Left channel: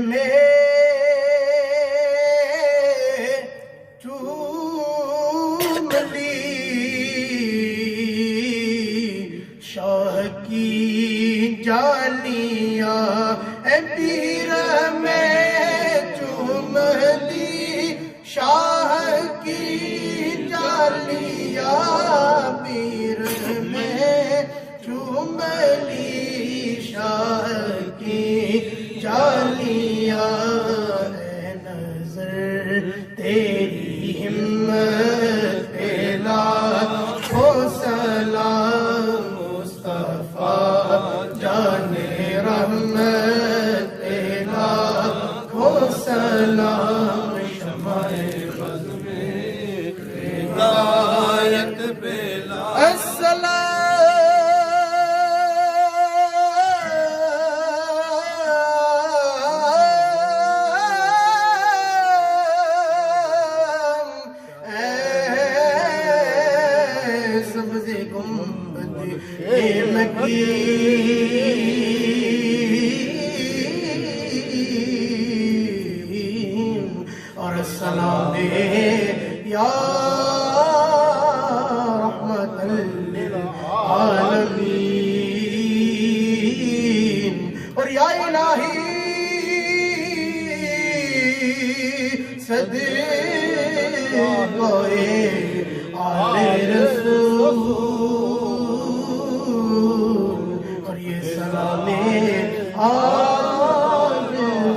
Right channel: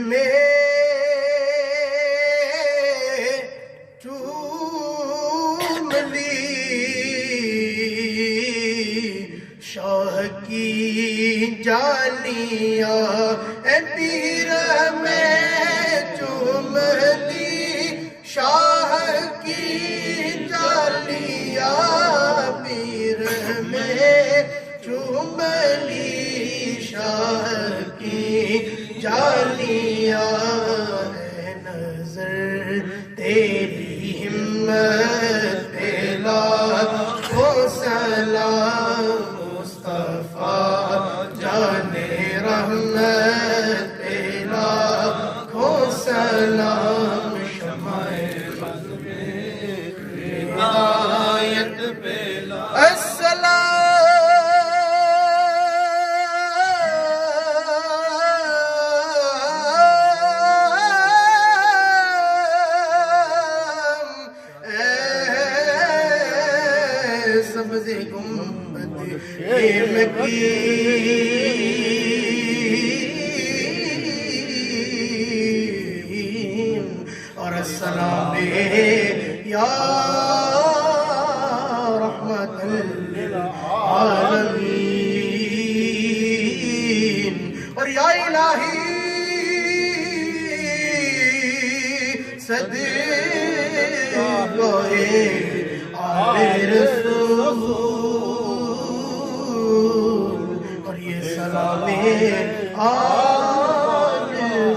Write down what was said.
میں چوم لی شاہ کی جالیاں اے پیر میں چوم لی شاہ کی جالیاں پیر میں چوم لی شاہ کی جالیاں اے نظر تیری ہمت پہ لاکھوں سلام مصطفیٰ جان رحمت پہ لاکھوں سلام شمع بزم ہدایت پہ سبز گنبد مکین اور السلام یا